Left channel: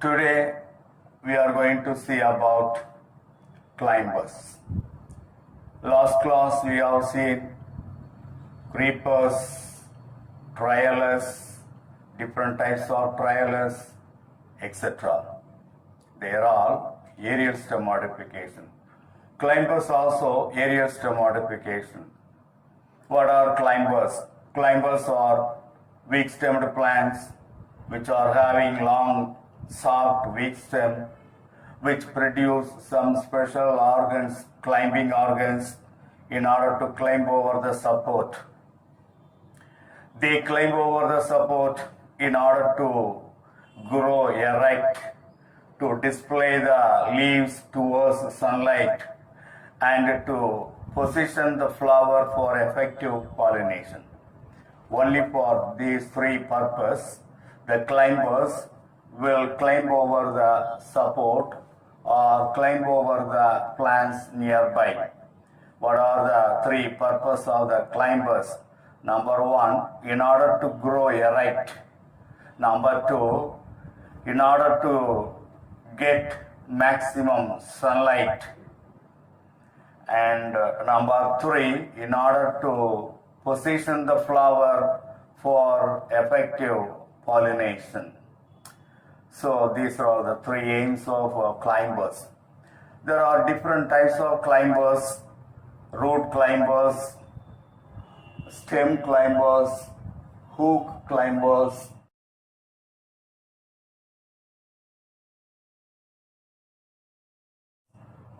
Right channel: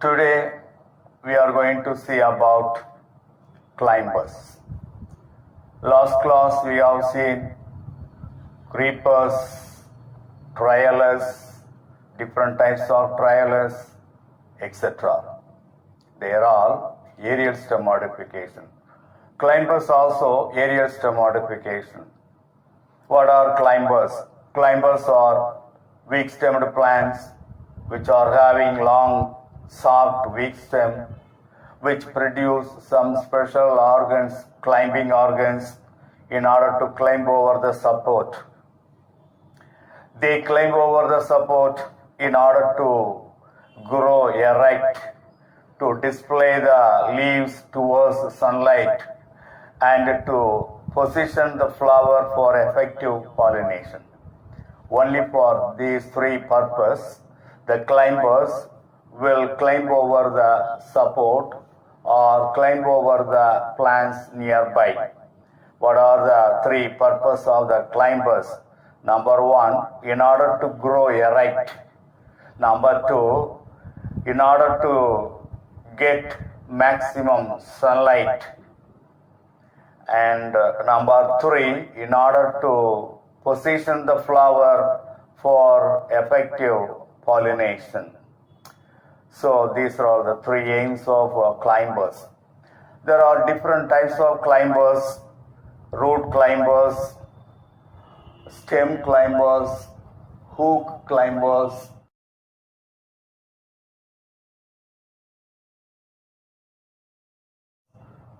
Today we are going to see about climbers. Last class we have seen creepers, trialers, different types of trialers, etc. They are all aerial stem modification. Climbers also aerial stem modification. What are climbers? Climbers are weak-stemmed plants which are having long, soft, weak stem which produce some special organs, climbing organs, in order to climb over the support. They climb over the support in order to grow erect, to display the leaves towards sunlight, and to position the flower for effective pollination. Only for these three purposes, the climbers will climb over the support or climb over the plants nearby. What are the three purposes of the climbers? Number one, in order to grow erect. Number two, in order to get maximum sunlight. And number three, in order to position the flower for effective pollination. So these are all the three aims of climbers. There are different types of climbers: root climbers, stem climbers, hook climbers,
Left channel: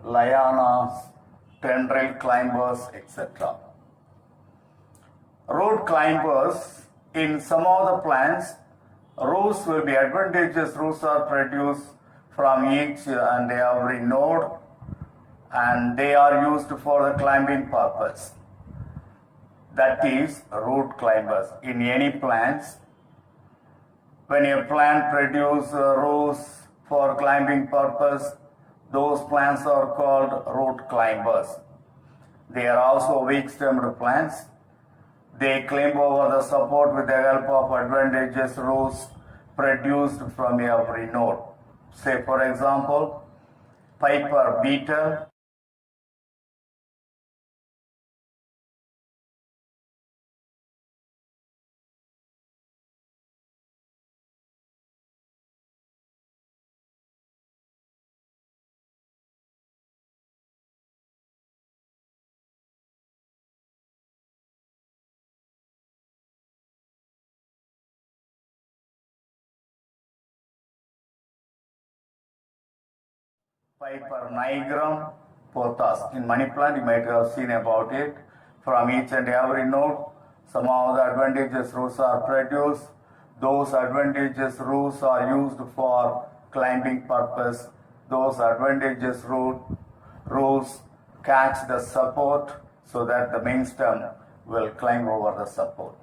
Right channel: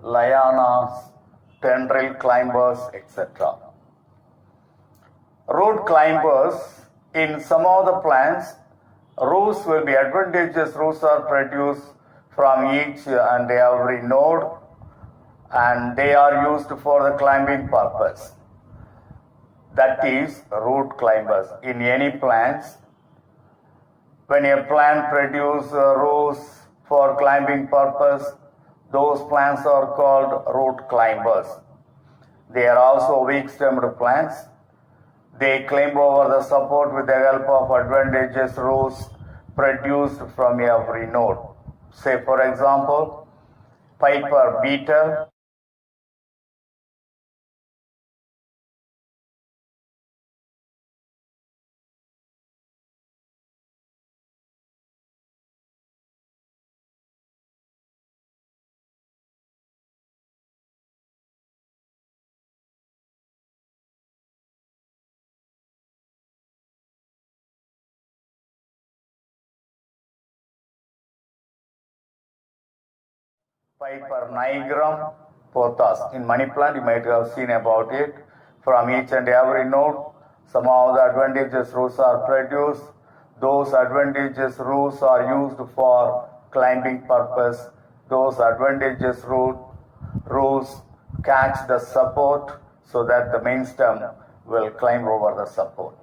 lianas, tendril climbers, etc. Root climbers, in some of the plants, roots will be advantageous. Roots are produced from each and every node, and they are used for the climbing purpose. That is root climbers. In any plants, when a plant produces roots for climbing purpose, those plants are called root climbers. They are also weak-stemmed plants. They climb over the support with the help of advantageous roots produced from every node. Say, for example, piper beetle, piper nigrum, Pothos. In money plant, you might have seen about it. From each and every node, some of the advantageous roots are produced. Those advantageous roots are used for climbing purpose. Those advantageous roots catch the support so that the main stem will climb over the support.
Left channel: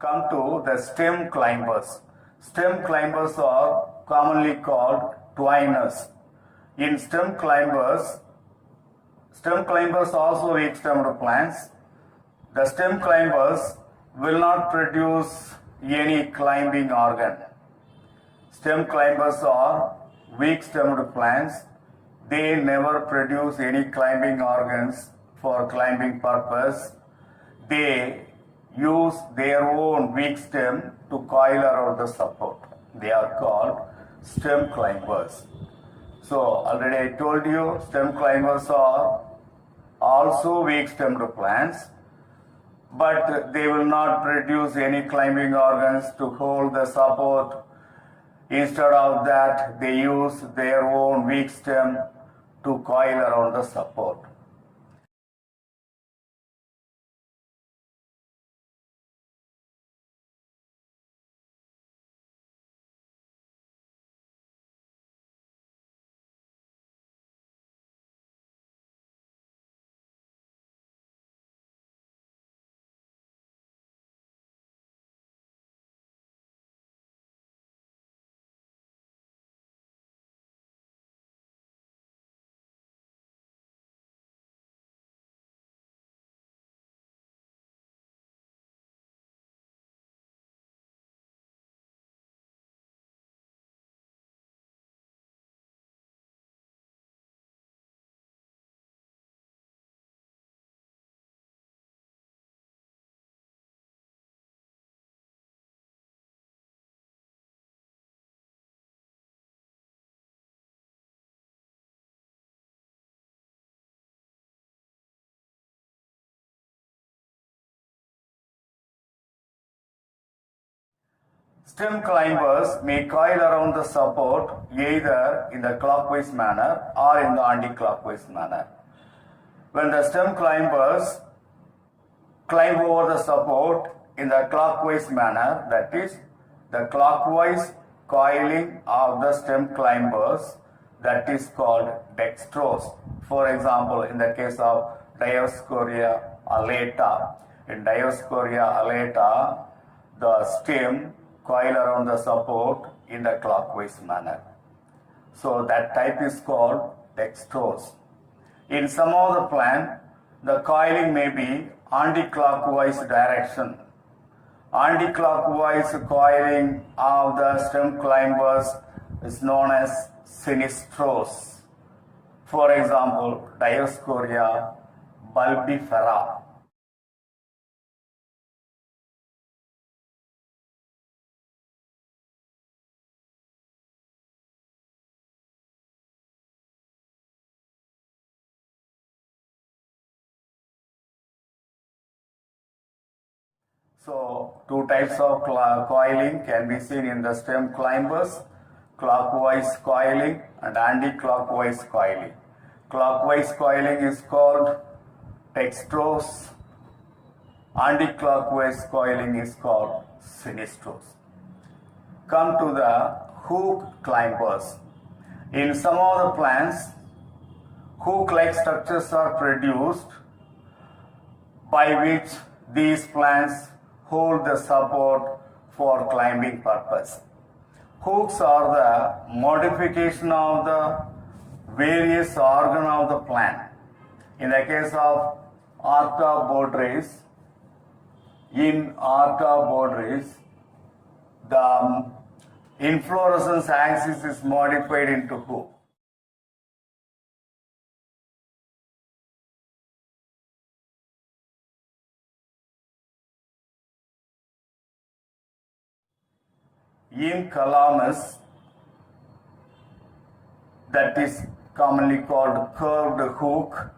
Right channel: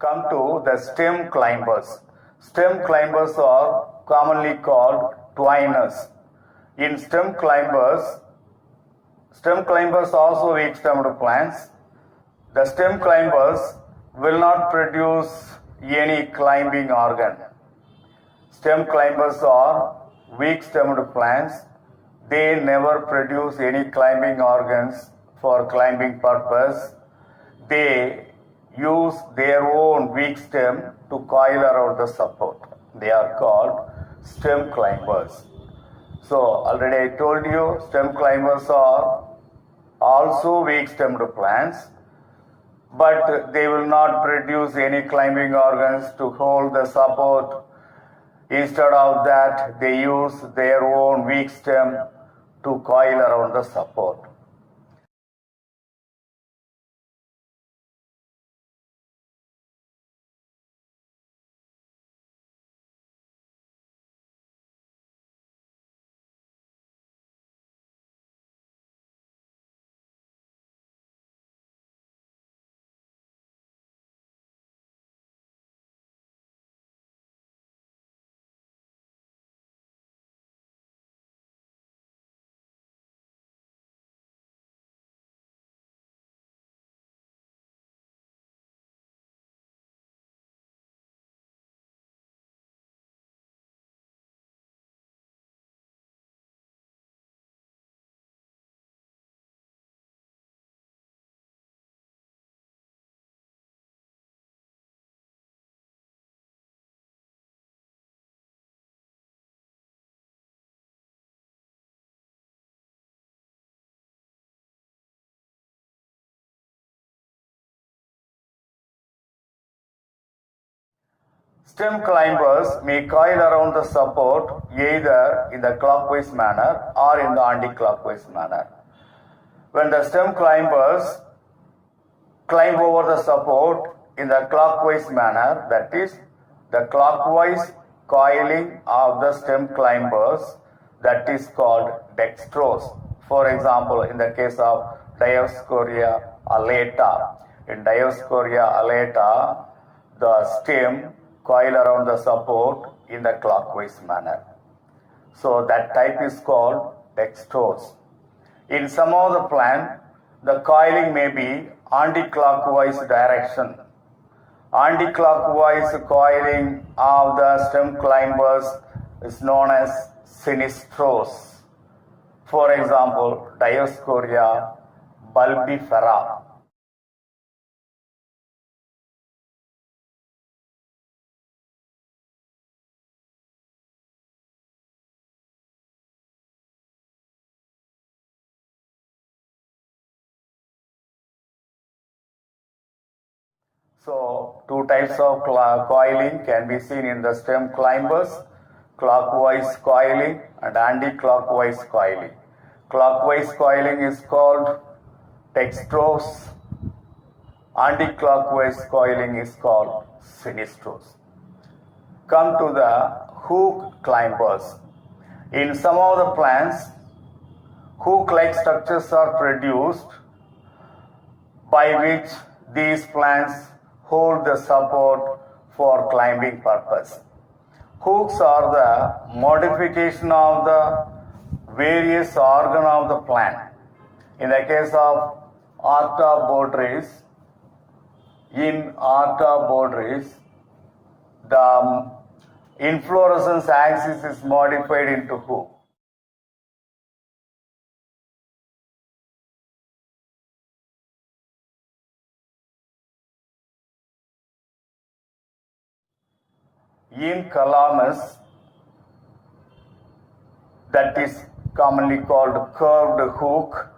Come to the stem climbers. Stem climbers are commonly called twiners. In stem climbers also weak-stemmed plants. The stem climbers will not produce any climbing organ. Stem climbers are weak-stemmed plants. They never produce any climbing organs for climbing purpose. They use their own weak stem to coil around the support. They are called stem climbers. So already I told you, stem climbers are also weak-stemmed plants, but they will not produce any climbing organs to hold the support. Instead of that, they use their own weak stem to coil around the support. Stem climbers may coil around the support either in the clockwise manner or in the anti-clockwise manner. When the stem climbers climb over the support in the clockwise manner, that is, the clockwise coiling of the stem climbers, that is called dextrose. For example, in the case of Dioscorea alata, in Dioscorea alata, the stem coil around the support in the clockwise manner. So that type is called dextrose. In some of the plant, the coiling may be anti-clockwise direction. Anti-clockwise coiling of the stem climbers is known as sinistrose. For example, Dioscorea bulbifera. So, two types of coiling can be seen in the stem climbers: clockwise coiling and anti-clockwise coiling. Clockwise coiling is called dextrose. Anti-clockwise coiling is called sinistrose. Come to the hook climbers. In some of the plants, hook-like structures are produced by which these plants hold the support for climbing purpose. Hooks are the modification of the various organ of the plant. In the case of Archaeopteryx, in Archaeopteryx, the inflorescence axis is modified into hook. In Calamus, that is commonly called curved hook,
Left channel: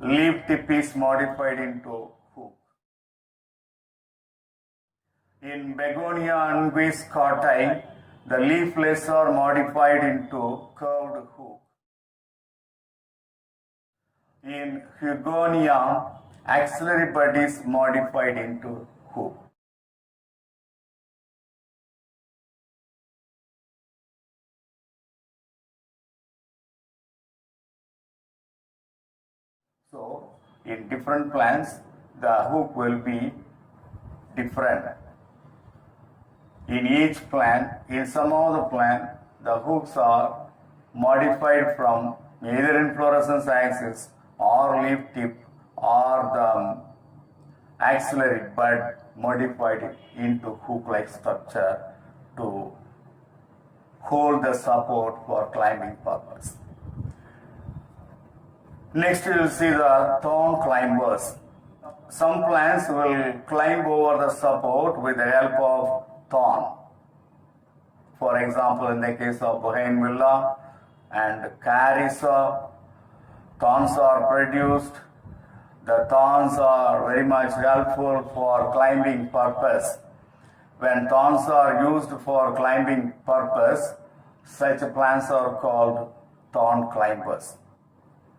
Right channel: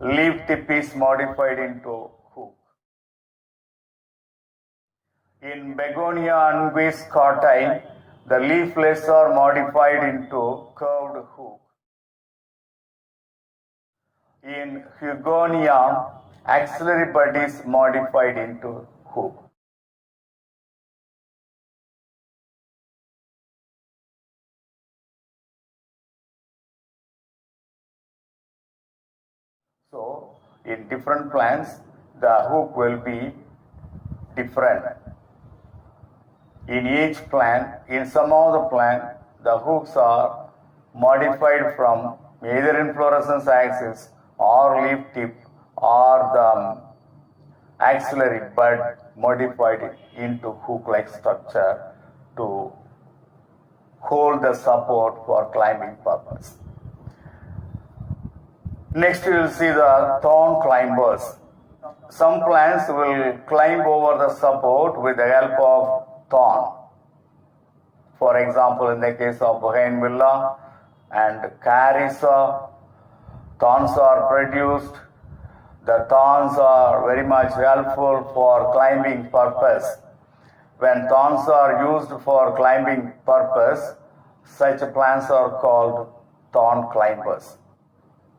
leaf tip is modified into hook. In Begonia unguis scotti, the leaflets are modified into curved hook. In Hugonia, axillary bud is modified into hook. So, in different plants, the hook will be different. In each plant, in some of the plant, the hooks are modified from either inflorescence axis or leaf tip or the axillary bud modified into hook-like structure to hold the support for climbing purpose. Next, you will see the thorn climbers. Some plants will climb over the support with the help of thorn. For example, in the case of bougainvillea and carissa, thorns are produced. The thorns are very much helpful for climbing purpose. When thorns are used for climbing purpose, such plants are called thorn climbers.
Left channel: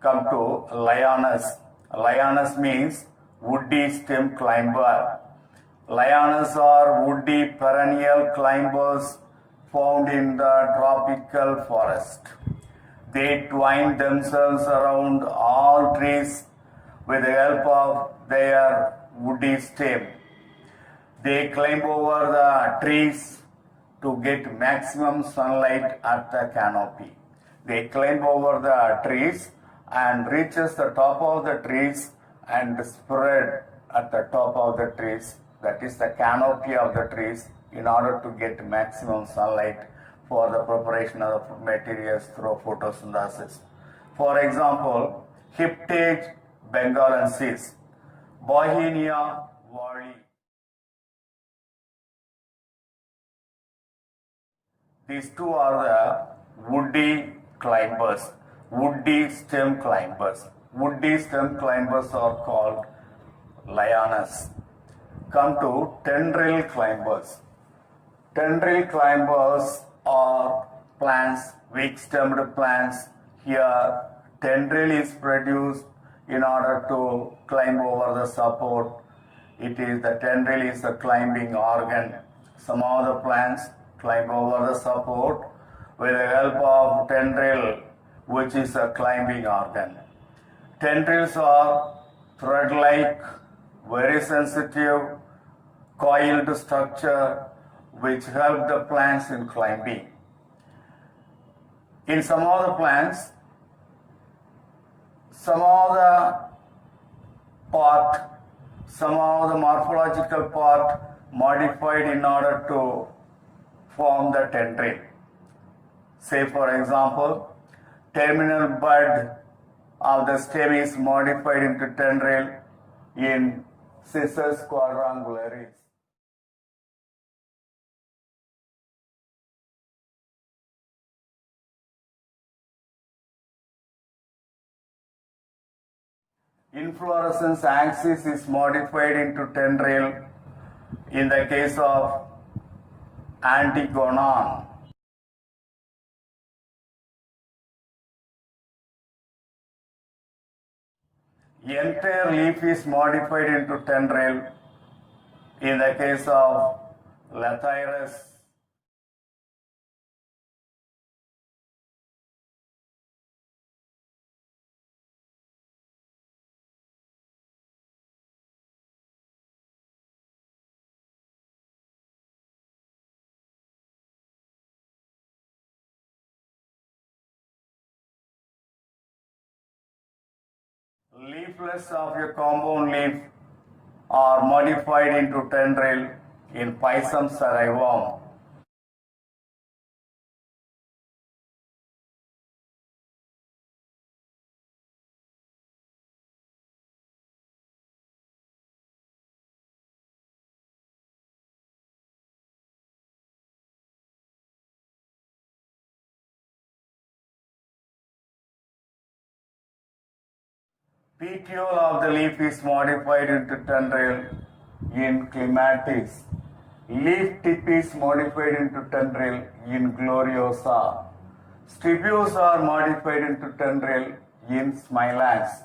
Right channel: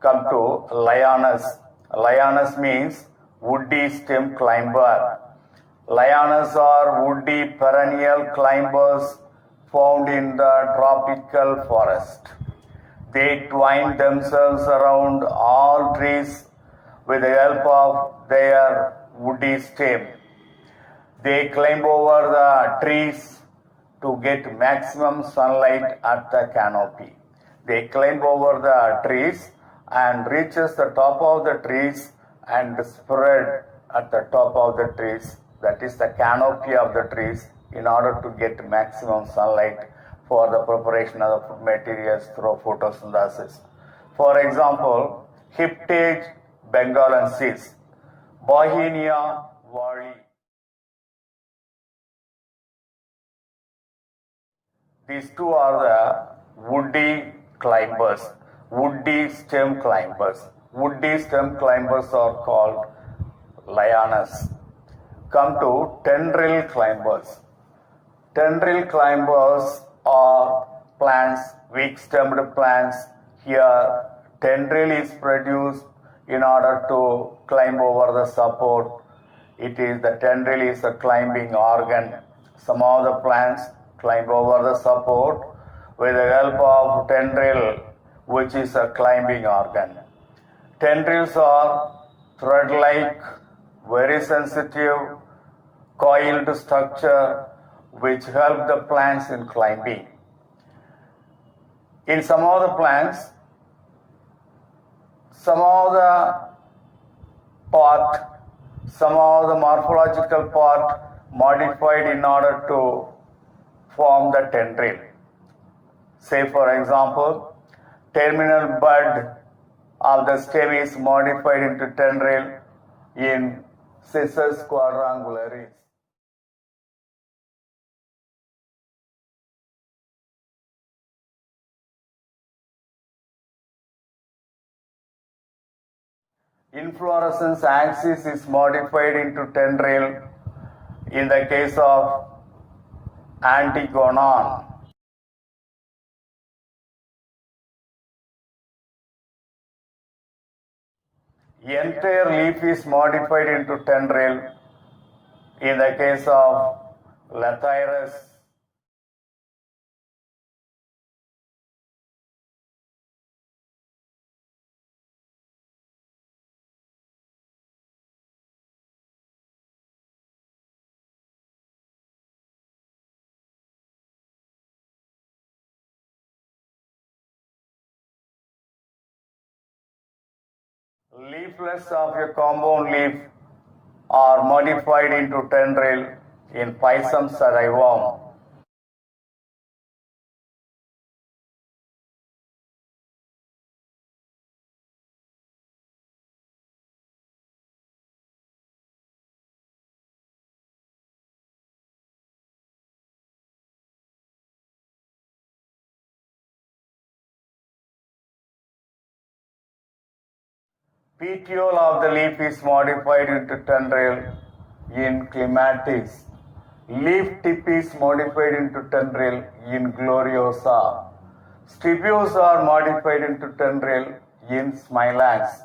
Come to lianas. Lianas means woody stem climber. Lianas are woody perennial climbers found in the tropical forest. They twine themselves around all trees with the help of their woody stem. They climb over the trees to get maximum sunlight at the canopy. They climb over the trees and reaches the top of the trees and spread at the top of the trees, that is the canopy of the trees, in order to get maximum sunlight for the preparation of materials through photosynthesis. For example, Hyptage bengalensis, Bauhinia wally. These two are the woody climbers, woody stem climbers. Woody stem climbers are called lianas. Come to tendril climbers. Tendril climbers are plants, weak-stemmed plants. Here, tendril is produced in order to climb over the support. The tendril is a climbing organ. Some of the plants climb over the support with the help of tendril, which is a climbing organ. Tendrils are thread-like, very sensitive, coiled structure which help the plants in climbing. In some of the plants, some of the morphological part modified in order to form the tendril. Say for example, terminal bud of the stem is modified into tendril in Cissus quadrangularis. Inflorescence axis is modified into tendril in the case of Antigonon. Entire leaf is modified into tendril in the case of Lathyrus. Leaflets of a compound leaf are modified into tendril in Pisum sariworm. Petiole of the leaf is modified into tendril in Clematis. Leaf tip is modified into tendril in Gloriosa. Stipules are modified into tendril in Smilax.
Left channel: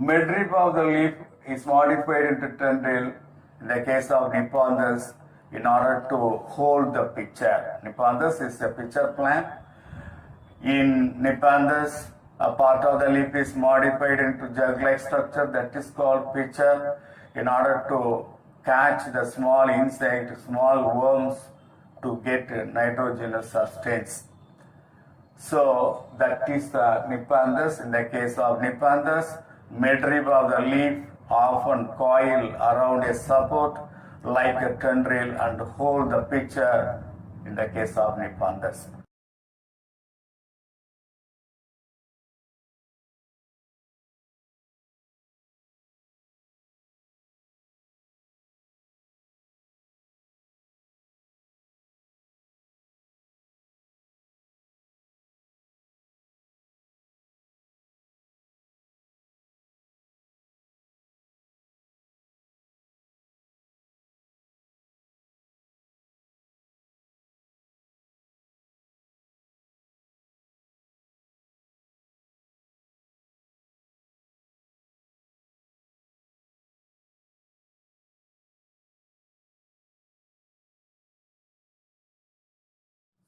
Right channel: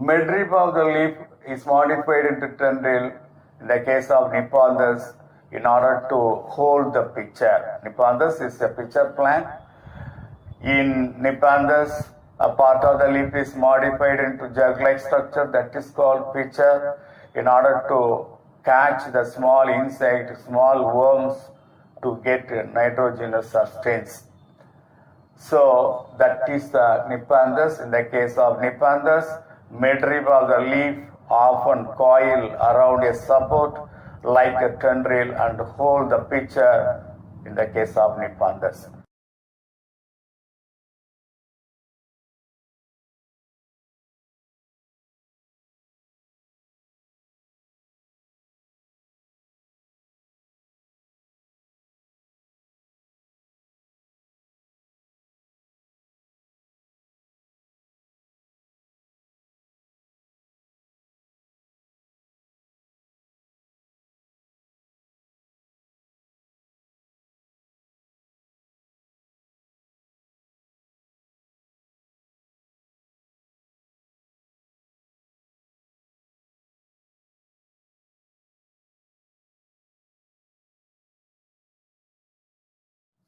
Midrib of the leaf is modified into tendril in the case of Nepenthes in order to hold the pitcher. Nepenthes is a pitcher plant. In Nepenthes, a part of the leaf is modified into jug-like structure that is called pitcher in order to catch the small insect, small worms to get nitrogenous substance. So that is the Nepenthes. In the case of Nepenthes, midrib of the leaf often coil around a support like a tendril and hold the pitcher in the case of Nepenthes.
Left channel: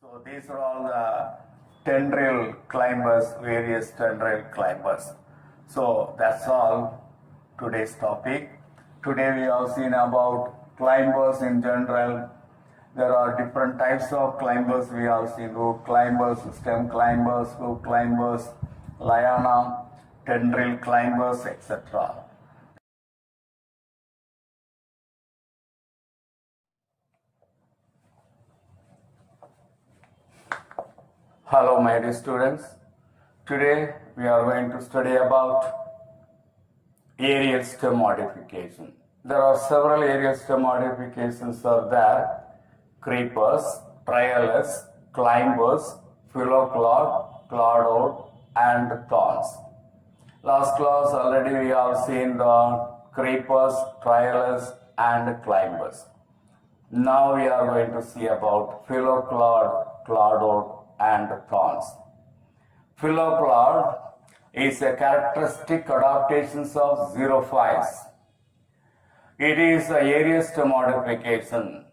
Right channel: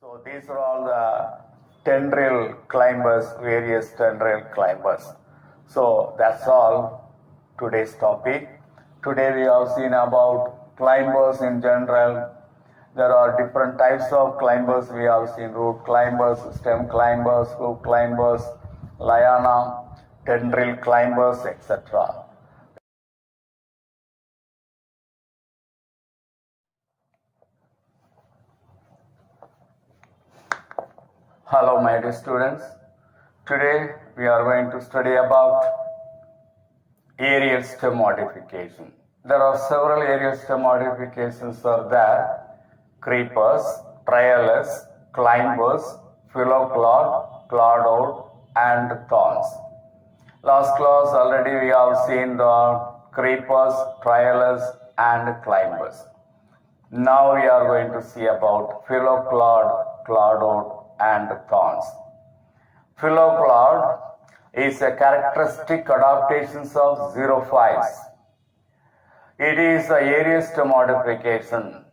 So these are all the tendril climbers, various tendril climbers. So that's all today's topic. Today we have seen about climbers in general. There are different types of climbers. We have seen root climbers, stem climbers, hook climbers, liana, tendril climbers, etc. Hello my dear students. Today we are going to study about aerial stem modification. There are several aerial stem modifications are there. Creepers, trialis, climbers, phyloclad, cladoid and thorns. Last class already we have seen the creepers, trialis and climbers. Now we are going to see about phylloplod, cladoid and thorns. Phylloplod is a characteristic adaptations of xerophiles. It is the areast modification.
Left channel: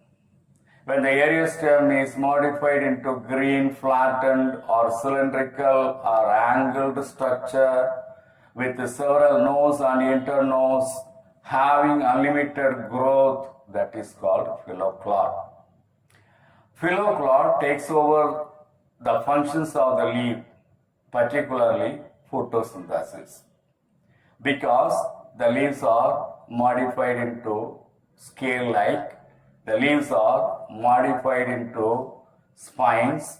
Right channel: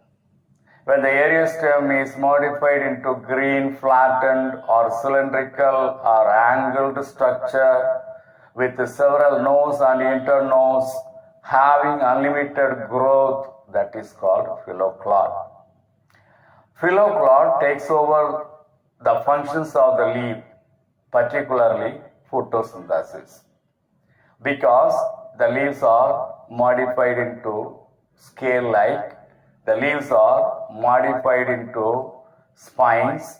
When the areast stem is modified into green, flattened or cylindrical or angled structure with several nodes and internodes having unlimited growth, that is called phylloplod. Phylloplod takes over the functions of the leaf, particularly photosynthesis, because the leaves are modified into scale-like, the leaves are modified into spines,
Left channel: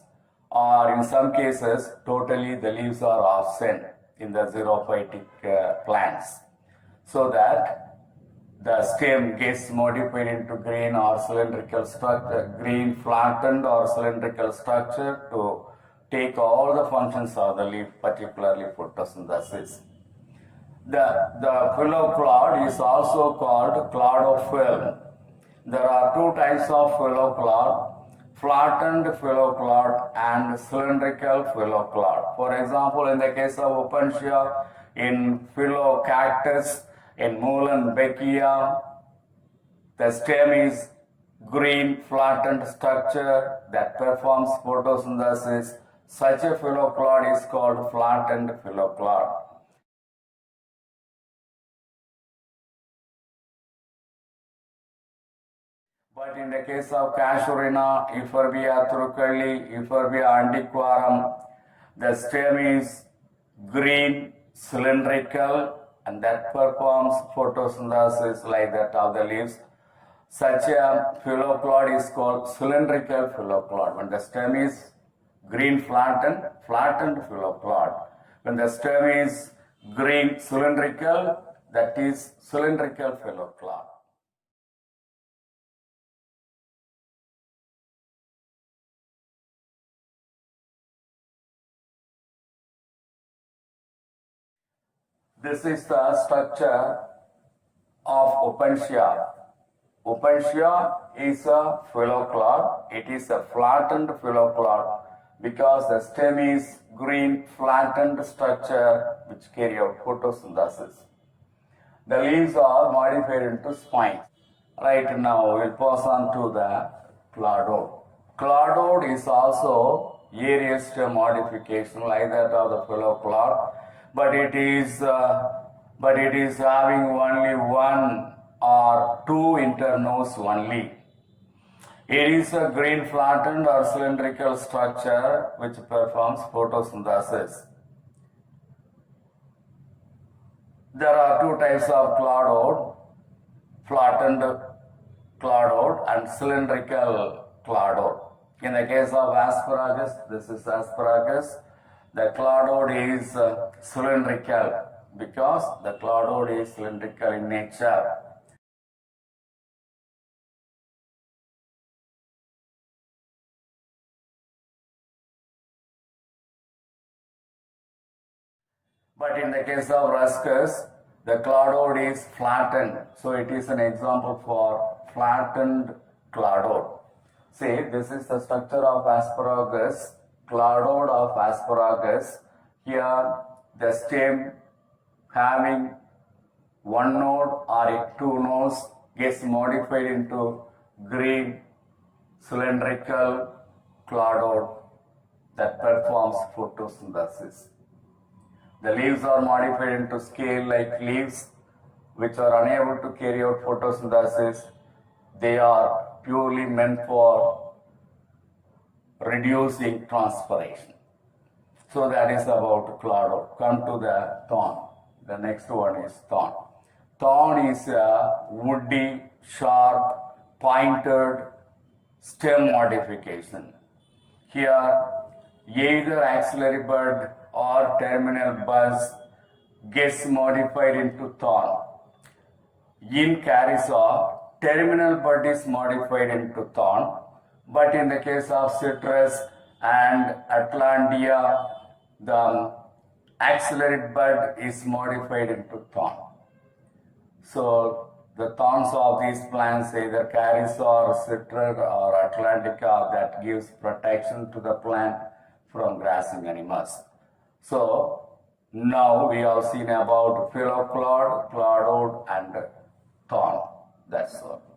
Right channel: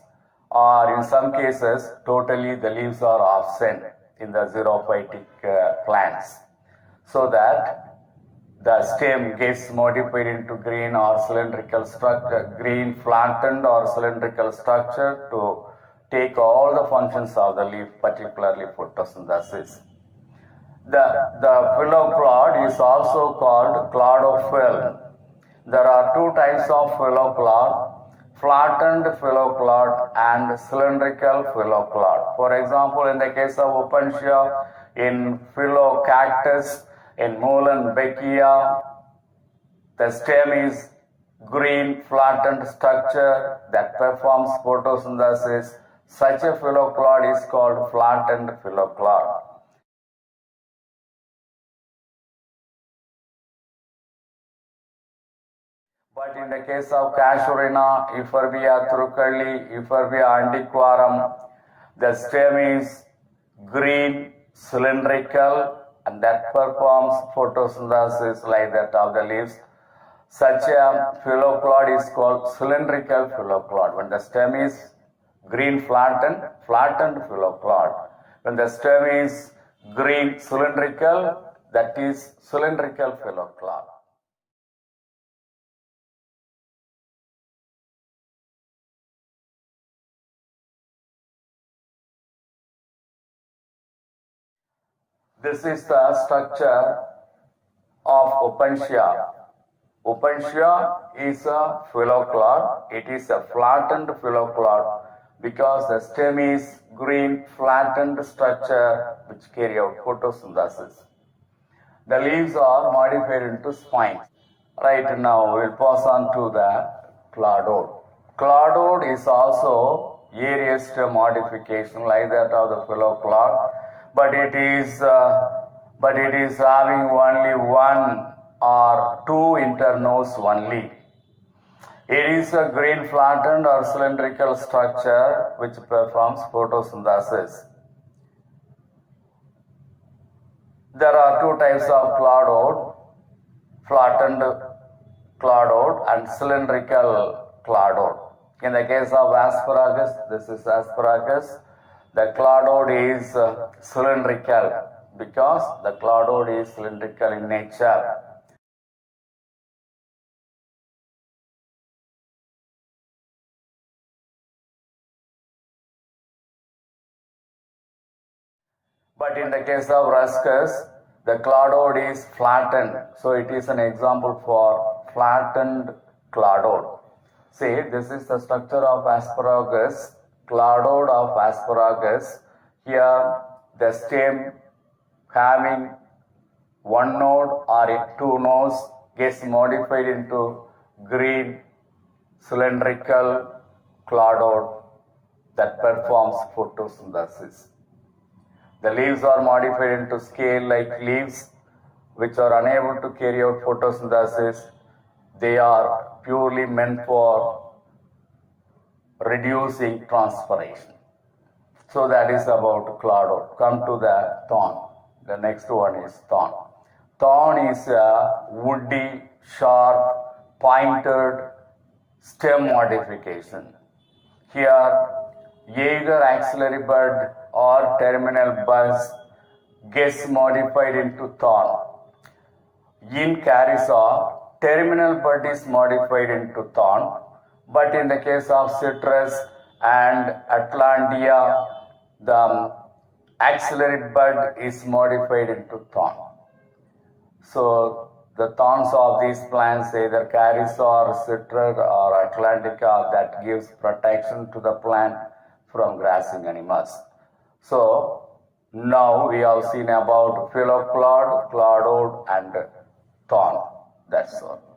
or in some cases, totally the leaves are absent in the xerophytic plants, so that the stem gets modified into green or cylindrical structure, green flattened or cylindrical structure to take all the functions of the leaf, particularly photosynthesis. The phylloplod is also called cladophyll. There are two types of phylloplod, flattened phylloplod and cylindrical phylloplod. For example, in the case of Opuntia, in Phylocactus, in Muhlenbeckia, the stem is green flattened structure that performs photosynthesis. Such a phylloplod is called flattened phylloplod. But in the case of Casuarina, Euphorbia thrucalli, Euphorbia antiquarum, the stem is green, cylindrical, and that performs photosynthesis like that of the leaves. Such a phylloplod is called cylindrical phylloplod. When the stem is green flattened phylloplod. When the stem is green cylindrical, that is cylindrical phylloplod. This is the structure of Opuntia. Opuntia is a phylloplod. It is a flattened phylloplod because the stem is green flattened structure which carry out photosynthesis. The leaves are modified into spines. Right now we'll pass on to the cladoid. Cladoid is also areast modification like that of the phylloplod, but it is having only one or two internodes only. It is a green flattened or cylindrical structure which performs photosynthesis. There are two types of cladoid, flattened cladoid and cylindrical cladoid. In the case of asparagus, this is asparagus, the cladoid is cylindrical because the cladoid is cylindrical in nature. But in the case of ruscus, the cladoid is flattened. So it is an example for flattened cladoid. See, this is the structure of asparagus, cladoid of asparagus. Here the stem having one node or two nodes gets modified into green cylindrical cladoid that performs photosynthesis. The leaves are modified into scale-like leaves which are unable to carry out photosynthesis. They are purely meant for reducing transpiration. So that is about cladoid. Come to the thorn. The next one is thorn. Thorn is a woody, sharp, pointed stem modification. Here, either axillary bud or terminal buds gets modified into thorn. In Carissa, terminal bud is modified into thorn, but in the case of citrus and Atlantia, the axillary bud is modified into thorn. So The thorns of these plants, either caris or citral or atlantica, that gives protection to the plant from grazing animals. So now we have seen about phylloplod, cloudwood and thorn. That's all.